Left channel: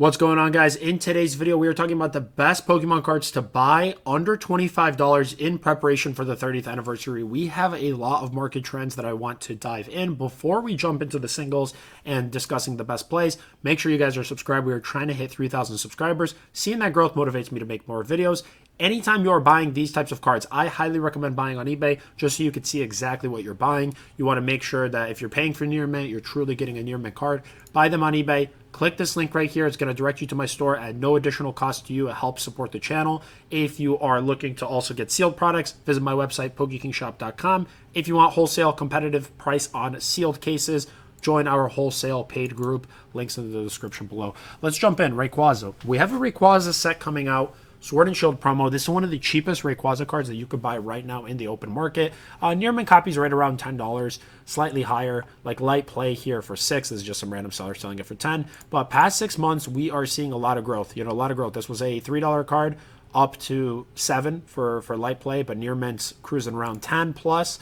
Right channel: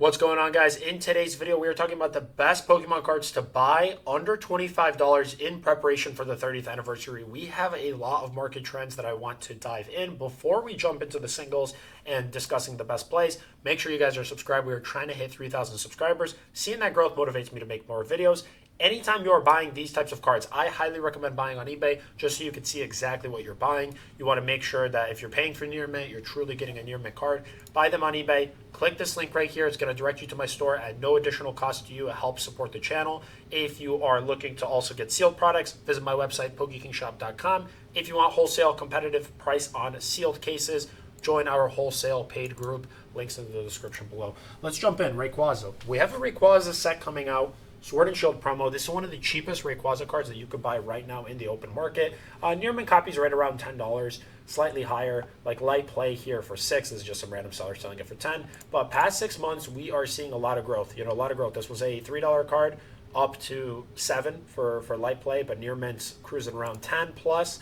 What's going on, guys? In today's video, we are talking about the best Pokemon cards to buy under $25 in preparation for the 30th anniversary. We have a lot of market trends that I want to dive in. Before we jump into the singles and discussing the best plays, make sure you guys are subscribed. We are trying to hit 3,000 subscribers. Seeing that growth motivates me to make more videos. Anytime you're buying these types of cards, I highly recommend buying on eBay just so you can see exactly what you're buying. You want to make sure that if you're paying for near mint, you're truly getting a near mint card. Buy them on eBay. Click this link right here. It's going to direct you to my store at no additional cost to you. It helps support the channel. If you are looking to also get sealed products, visit my website, PokeKingShop.com. If you want wholesale competitive price on sealed cases, join our wholesale paid group. Links in the description below. Let's jump in. Rayquaza. We have a Rayquaza set coming out. Sword and Shield promo. This is one of the cheapest Rayquaza cards that you could buy right now in the open market. Near mint copies right around $10, slightly higher. Like light play here for $6. This is just some random seller selling it for $10. But past 6 months, we are seeing a lot of growth. A lot of growth. This was a $3 card up to $7 for light play, but near mint's cruising around 10 plus.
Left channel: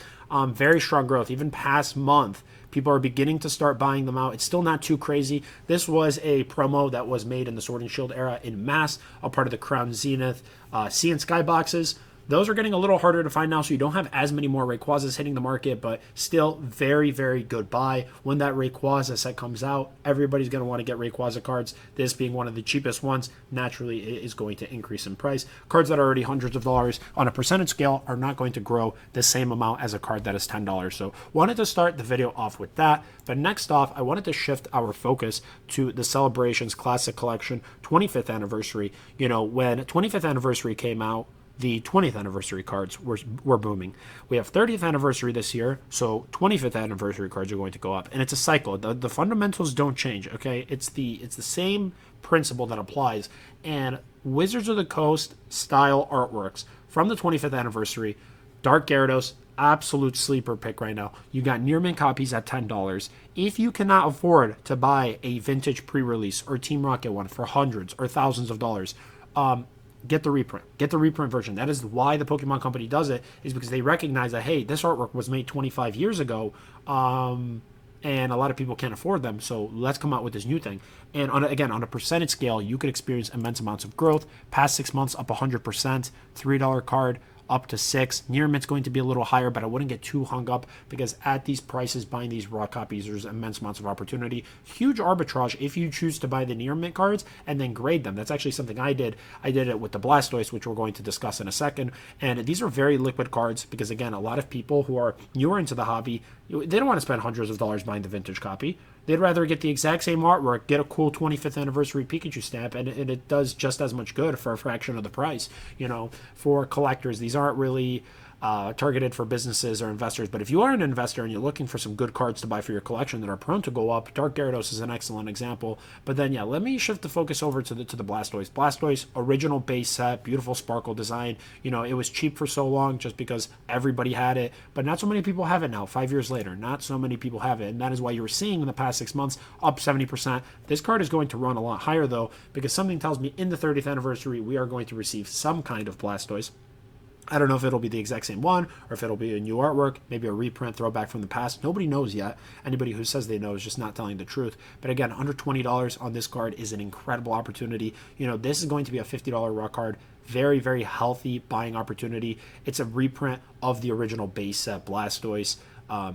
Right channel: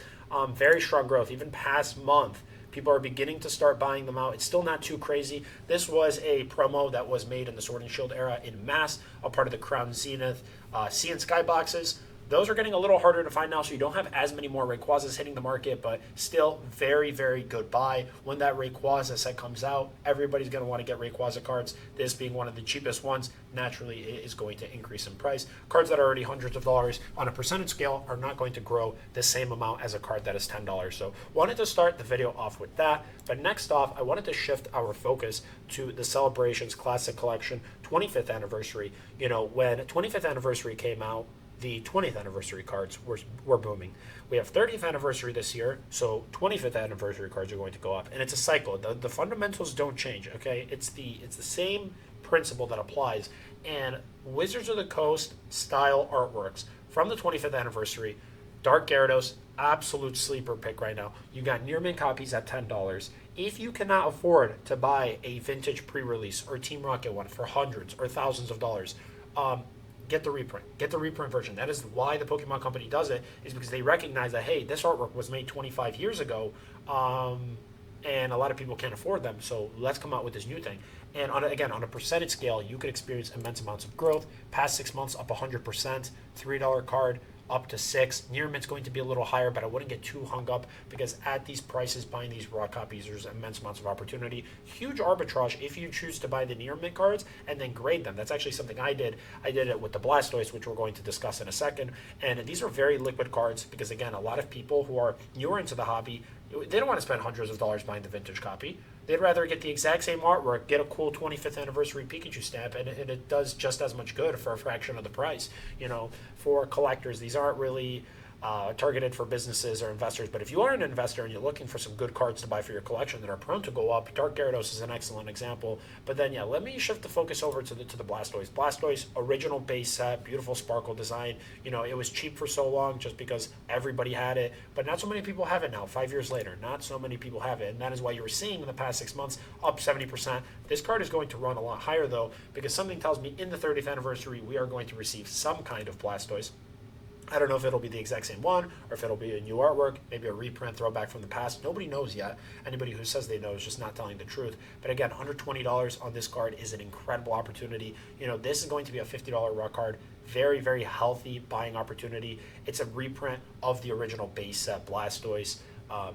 Very strong growth. Even past month, people are beginning to start buying them out. It's still not too crazy. This was a promo that was made in the Sword and Shield era in mass, a part of the Crown Zenith Sea and Sky boxes. Those are getting a little harder to find now, so you don't have as many more Rayquazas hitting the market, but still very, very good buy. When that Rayquaza set comes out, everybody's going to want to get Rayquaza cards. This being one of the cheapest ones, naturally it is going to increase in price. Cards that are already hundreds of dollars on a percentage scale are not going to grow the same amount as a card that is $10. So wanted to start the video off with that. But next off, I wanted to shift our focus to the Celebrations Classic Collection 25th anniversary. When 25th anniversary came out, the 20th anniversary cards were booming. We have 30th anniversary this year, so 25th anniversary cards are going to go up. And it's a cycle. The fundamentals don't change, okay? It's the same principle that applies. And Wizards of the Coast style artworks from the 25th anniversary, Dark Gyarados, absolute sleeper pick right now. You got near mint copies at $10. If you cannot afford to buy a vintage pre-release or Team Rocket one for hundreds or thousands of dollars, get the reprint. Get the reprint version. That is why the Pokemon Company does it, is because they recognize that, hey, this artwork was made 25 years ago, and a lot of people can't afford them, so let's come out with this new thing. And on a percentage scale, you could experience immense amounts of growth. Past 6 months, up 100%, $3 card, up to $6. Near mint's going to be a little higher, but I wouldn't get too hung up because at these prices, buying these raw copies, there's immense amounts of opportunity. Huge arbitrage if you choose to buy the near mint cards and then grade them. That's actually something I did. I did it with the Blastoise, which we're going to discuss in a second. And these are very liquid cards because, again, a lot of people who are newer into the hobby, they don't want to spend hundreds of dollars buying the vintage copy. They'd rather get the exact same artwork, get a cool 25th anniversary Pikachu stamp, and it does just as much good for a fraction of the price. For collectors, these aren't really targeted for businesses or investors. But if you are an investor and you're looking for some good cards to buy for your collection that are prone to go up, Dark Gyarados is an excellent example. But then, yeah, let me shift the focus over to the Blastoise. Blastoise, original base set, beautiful sparkle design. It was cheap for so long just because everybody had it. But not so many people have it now, 5 years later. Not so many people have it. And that is why you were seeing in the past 6 months up 70%. This card is going to run a lot higher, though, because something tells me in the 30th anniversary, we are going to receive some kind of Blastoise. I don't know if it'll be the exact same one or if it'll be a new artwork, maybe a reprint, throwback from the past. Nobody knows yet. Anybody who says they know is just not telling the truth. But again, under $20 on this card is an incredible opportunity. This is going to be a $50 raw card. Very, very healthy buying opportunity. It's a reprint of the original base set Blastoise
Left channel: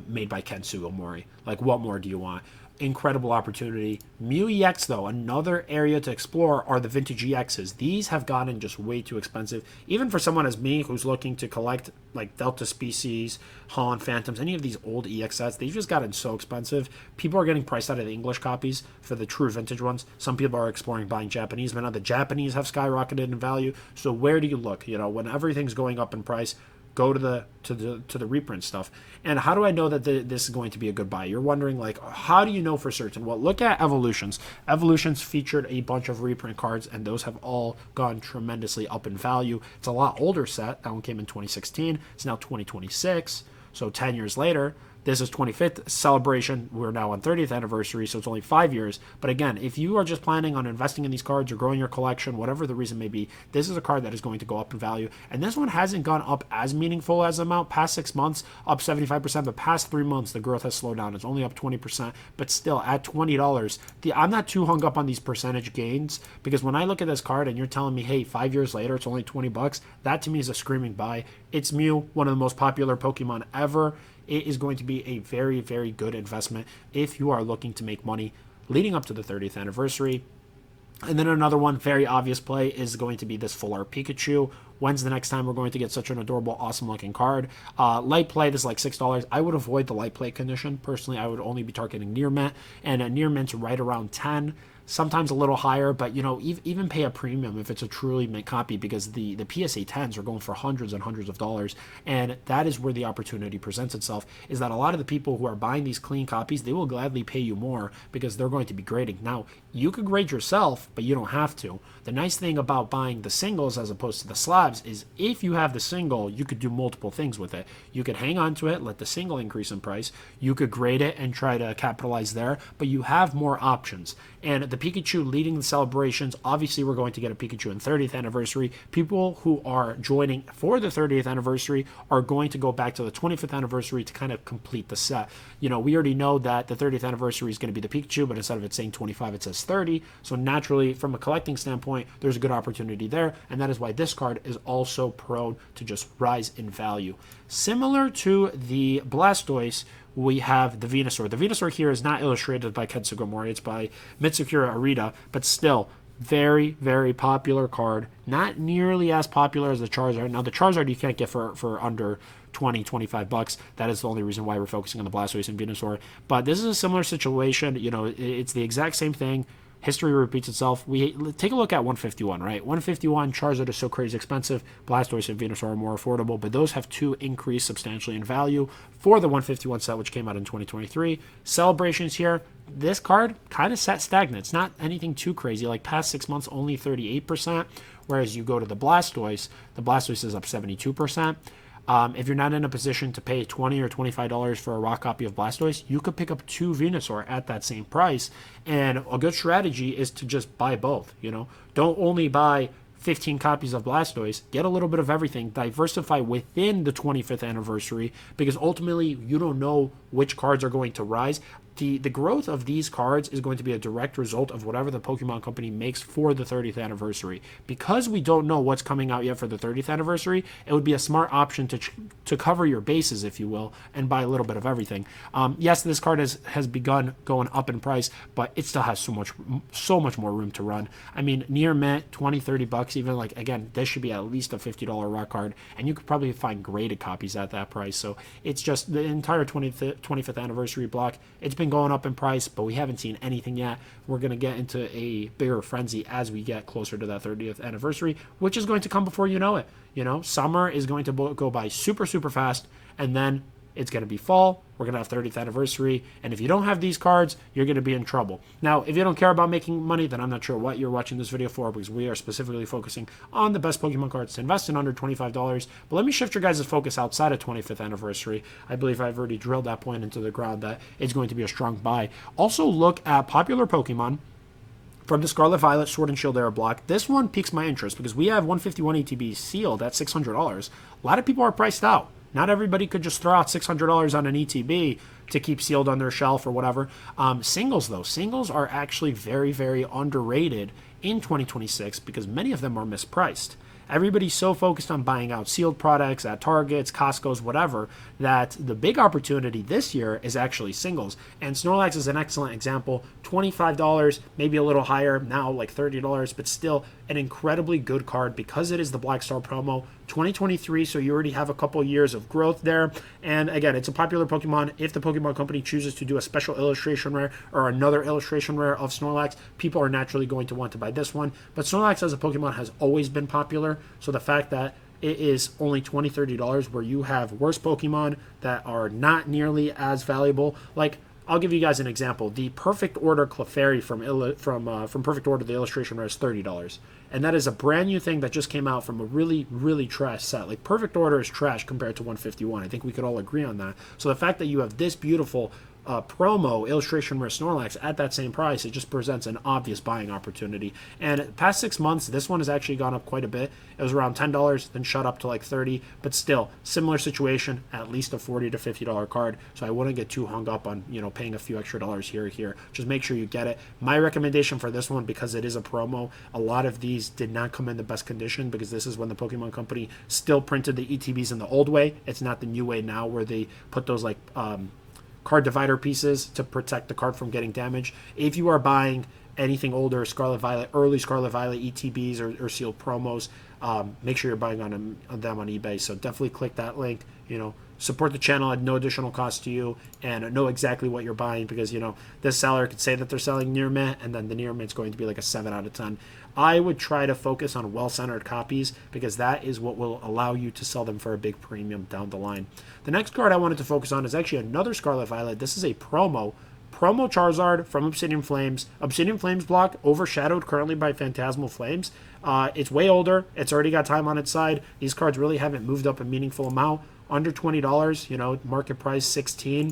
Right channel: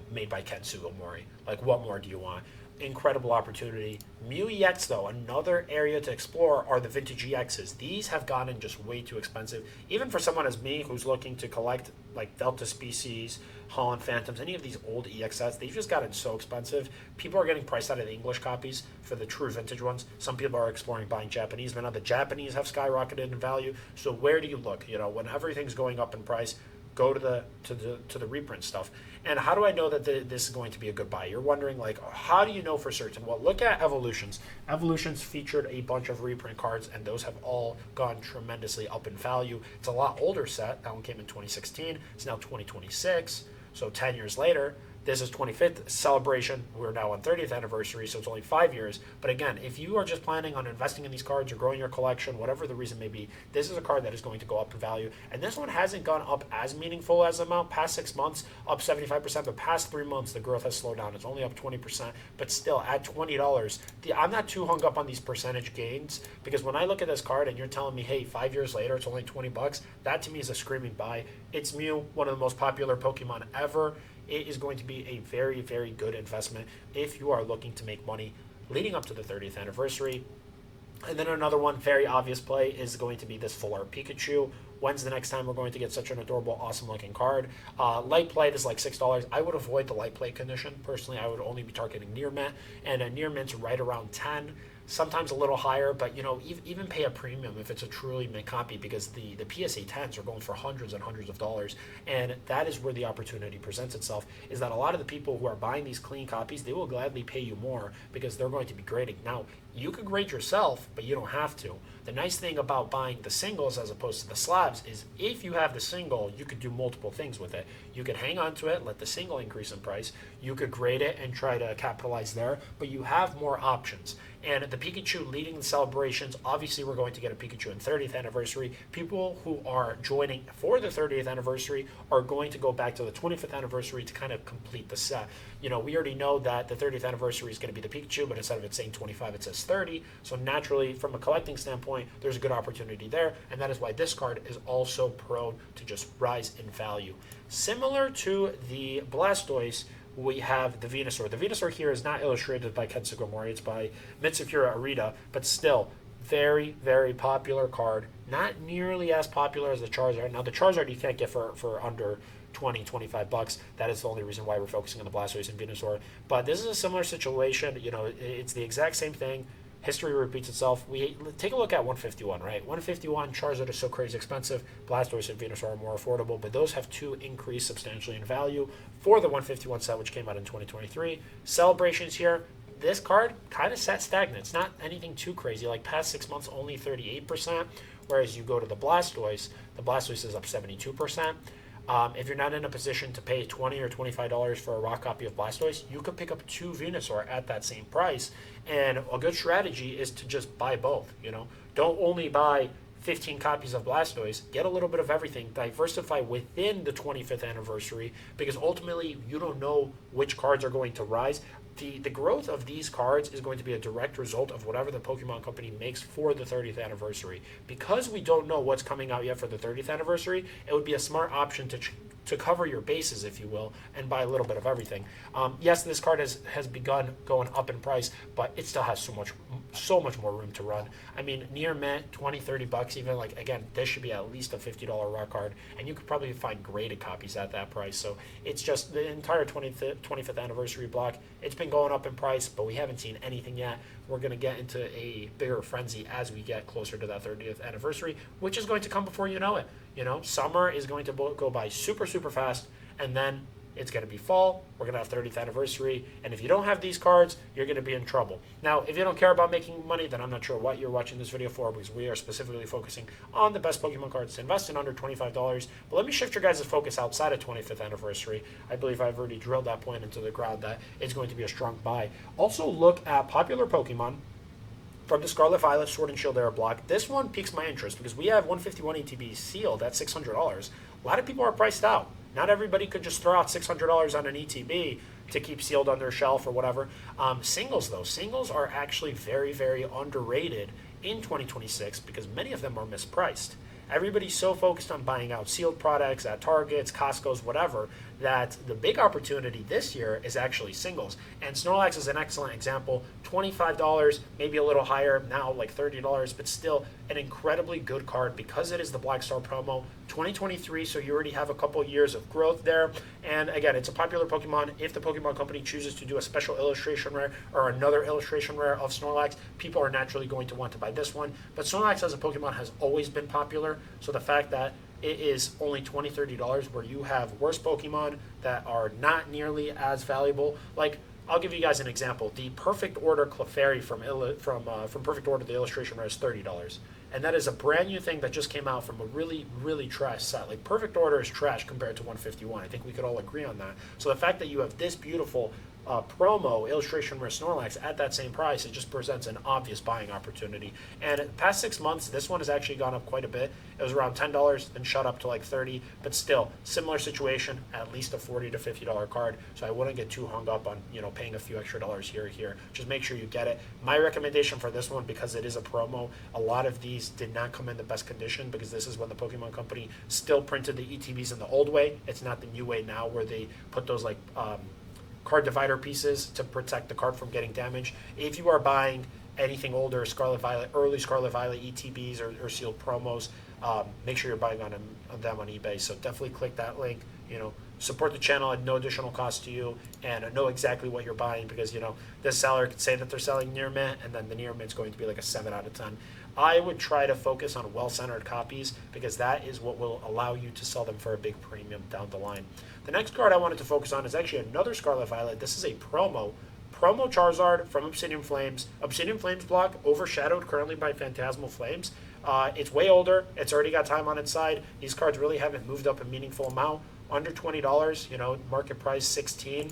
made by Ken Sugimori. Like, what more do you want? Incredible opportunity. Mew EX, though, another area to explore are the vintage EXs. These have gotten just way too expensive. Even for someone as me who's looking to collect like Delta Species, Holland Phantoms, any of these old EX sets, they've just gotten so expensive. People are getting priced out of the English copies for the true vintage ones. Some people are exploring buying Japanese, but now the Japanese have skyrocketed in value. So where do you look? When everything's going up in price, go to the reprint stuff. And how do I know that this is going to be a good buy? You're wondering, like, how do you know for certain? Well, look at Evolutions. Evolutions featured a bunch of reprint cards, and those have all gone tremendously up in value. It's a lot older set. That one came in 2016. It's now 2026. So 10 years later, This is 25th celebration. We're now on 30th anniversary, so it's only 5 years. But again, if you are just planning on investing in these cards or growing your collection, whatever the reason may be, this is a card that is going to go up in value. And this one hasn't gone up as meaningful as amount. Past 6 months, up 75%. The past 3 months, the growth has slowed down. It's only up 20%. But still, at $20, I'm not too hung up on these percentage gains, because when I look at this card and you're telling me, hey, 5 years later, it's only $20, that to me is a screaming buy. It's Mew, one of the most popular Pokemon ever. It is going to be a very, very good investment if you are looking to make money leading up to the 30th anniversary. And then another one, very obvious play, is going to be this full art Pikachu. When's the next time we're going to get such an adorable, awesome looking card? Light play, this is like $6. I would avoid the light play condition. Personally, I would only be targeting near mint, and a near mint's right around 10. Sometimes a little higher, but even pay a premium if it's a truly mint copy, because the PSA 10s are going for hundreds and hundreds of dollars, and that is where the opportunity presents itself, is that a lot of the people who are buying these clean copies, they will gladly pay you more because they're going to be grading. Now, you could grade yourself, but you don't have to. The nice thing about buying the singles as opposed to the slabs is if you have the single, you could do multiple things with it. You could hang on to it, let the single increase in price. You could grade it and try to capitalize there, but you have more options. And the Pikachu leading the celebrations, obviously we're going to get a Pikachu in 30th anniversary. People who are joining for the 30th anniversary are going to go back to the 25th anniversary to kind of complete the set. We already know that the 30th anniversary is going to be the Pikachu, but instead of it saying 25, it says 30. So naturally, from a collecting standpoint, there's a good opportunity there, and that is why this card is also prone to just rise in value. Similar to the Blastoise, we have the Venusaur. The Venusaur here is not illustrated by Ken Sugimori, it's by Mitsukura Arita, but still, very, very popular card. Not nearly as popular as the Charizard. Now, the Charizard you can't get for under $20-25. That is the only reason why we're focusing on the Blastoise and Venusaur. But this is a similar situation. It's the exact same thing. History repeats itself. We take a look at 151, right? 151, Charizard is so crazy expensive. Blastoise and Venusaur are more affordable, but those have two increased substantially in value for the 151 set, which came out in 2023. Celebrations here. This card kind of sat stagnant. It's not anything too crazy. Like past 6 months, only 38%, whereas you go to the Blastoise is up 72%. If you're not in a position to pay $20 or $25 for a raw copy of Blastoise, you could pick up 2 Venusaur at that same price. And a good strategy is to just buy both. Don't only buy 15 copies of Blastoise, get a little bit of everything, diversify within the 25th anniversary, because ultimately you don't know which cards are going to rise. The growth of these cards is going to be a direct result of whatever the Pokemon Company makes for the 30th anniversary. Because we don't know what's coming out yet for the 30th anniversary, it would be a smart option to cover your bases, if you will, and buy a little bit of everything. Yes, this card has begun going up in price, but it still has so much more room to run. I mean, near mint, $20-30 even. Like, again, this should be at least a $50 raw card, and you could probably find graded copies at that price. So it's just the entire 25th anniversary block. It's been going up in price, but we haven't seen anything yet. We're going to get into a bigger frenzy as we get closer to that 30th anniversary, which is going to come before you know it. Summer is going to go by super, super fast, and then it's going to be fall. We're going to have 30th anniversary, and if you don't have these cards, you're going to be in trouble. Now, if you don't care about making money, then I'm not sure what you're watching this video for, because we are specifically focusing on the best Pokemon cards to invest in under $25. But let me shift your guys' focus outside of 25th anniversary. I believe I've already drilled that point into the ground that it's going to be a strong buy. Also, look at popular Pokemon from the Scarlet Violet Sword and Shield era block. This one piques my interest because we have 151 ETB sealed at $600. A lot of people are priced out. Not everybody could just throw out $600 on an ETB to keep sealed on their shelf or whatever. Singles, though. Singles are actually very, very underrated in 2026 because many of them are mispriced. Everybody's so focused on buying out sealed products at Targets, Costco's, whatever, that the big opportunity this year is actually singles. And Snorlax is an excellent example. $25, maybe a little higher, now like $30, but still an incredibly good card because it is the Black Star promo. 2023, so you already have a couple years of growth there. And again, it's a popular Pokemon. If the Pokemon Company chooses to do a special illustration rare or another illustration rare of Snorlax, people are naturally going to want to buy this one. But Snorlax as a Pokemon has always been popular, so the fact that it is only $20-30 where you have worse Pokemon that are not nearly as valuable. Like, I'll give you guys an example. The Perfect Order Clefairy from Perfect Order, the illustration rare, is $30, and that is a brand new thing that just came out from a really, really trash set. Like, Perfect Order is trash compared to 151. I think we could all agree on that. So the fact that you have this beautiful promo illustration rare Snorlax at that same price, it just presents an obvious buying opportunity. And past 6 months, this one has actually gone up quite a bit. It was around $10, then shot up to like $30, but still similar situation, at least a $40 to $50 card. So I wouldn't get too hung up on, you know, paying a few extra dollars here or here. Just make sure you get it. My recommendation for this one, because it is a promo, a lot of these did not come in the best condition, because this is when the Pokemon Company still printed the ETBs in the old way. It's not the new way now where they put those like card divider pieces to protect the card from getting damaged. If you are buying anything older, Scarlet Violet, early Scarlet Violet ETBs or sealed promos, make sure you're buying on them on eBay. So definitely click that link. You know, support the channel at no additional cost to you, and know exactly what you're buying, because, you know, this seller could say that they're selling near mint, and then the near mint's going to be like a 7 out of 10. I would try to focus on well-centered copies, because that is what will allow you to sell them for a big premium down the line. The next card I wanted to focus on is actually another Scarlet Violet. This is a promo Charizard from Obsidian Flames. Obsidian Flames block overshadowed currently by Phantasmal Flames. It's way older. It's already got time on its side. These cards really haven't moved up a meaningful amount. Under $20, you know, market price $16.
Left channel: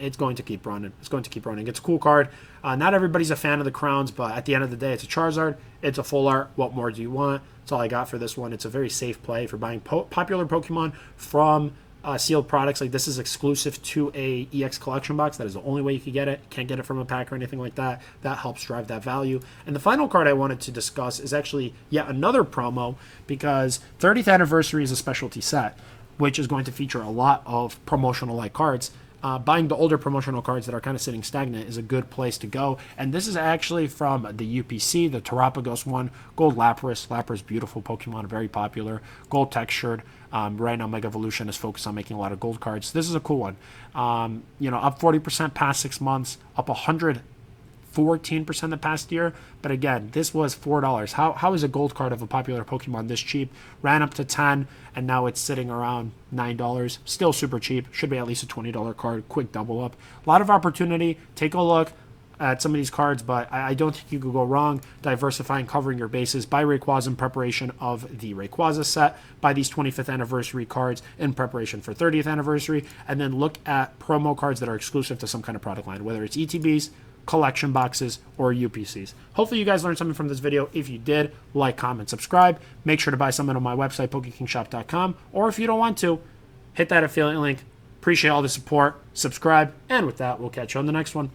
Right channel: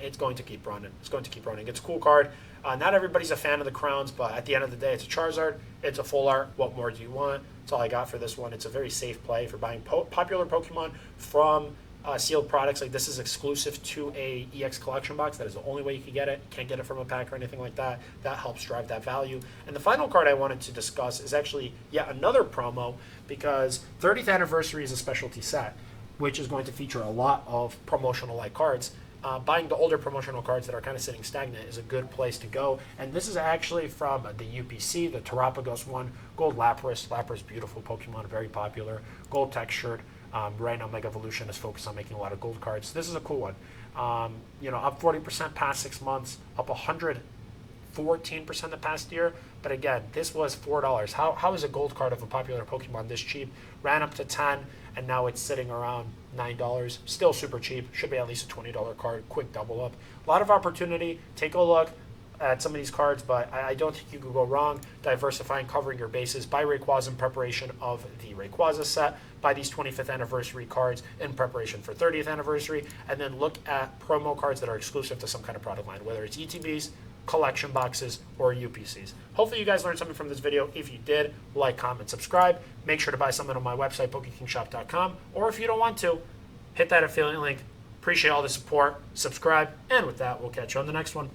It's going to keep running. It's going to keep running. It's a cool card. Not everybody's a fan of the crowns, but at the end of the day, it's a Charizard. It's a full art. What more do you want? That's all I got for this one. It's a very safe play for buying popular Pokemon from sealed products. Like, this is exclusive to a EX collection box. That is the only way you can get it. Can't get it from a pack or anything like that. That helps drive that value. And the final card I wanted to discuss is actually yet another promo, because 30th anniversary is a specialty set, which is going to feature a lot of promotional like cards. Buying the older promotional cards that are kind of sitting stagnant is a good place to go. And this is actually from the UPC, the Terapagos one. Gold Lapras. Lapras, beautiful Pokemon, very popular. Gold textured. Right now, Mega Evolution is focused on making a lot of gold cards. This is a cool one. You know, up 40% past 6 months, up 114% the past year. But again, this was $4. How is a gold card of a popular Pokemon this cheap? Ran up to 10, and now it's sitting around $9. Still super cheap. Should be at least a $20 card. Quick double up. A lot of opportunity. Take a look at some of these cards, but I don't think you could go wrong diversifying, covering your bases. Buy Rayquaza in preparation of the Rayquaza set. Buy these 25th anniversary cards in preparation for 30th anniversary, and then look at promo cards that are exclusive to some kind of product line, whether it's ETBs, collection boxes, or UPCs. Hopefully you guys learned something from this video. If you did, like, comment, subscribe. Make sure to buy something on my website, PokeKingShop.com, or if you don't want to, hit that affiliate link. Appreciate all the support. Subscribe, and with that, we'll catch you on the next one.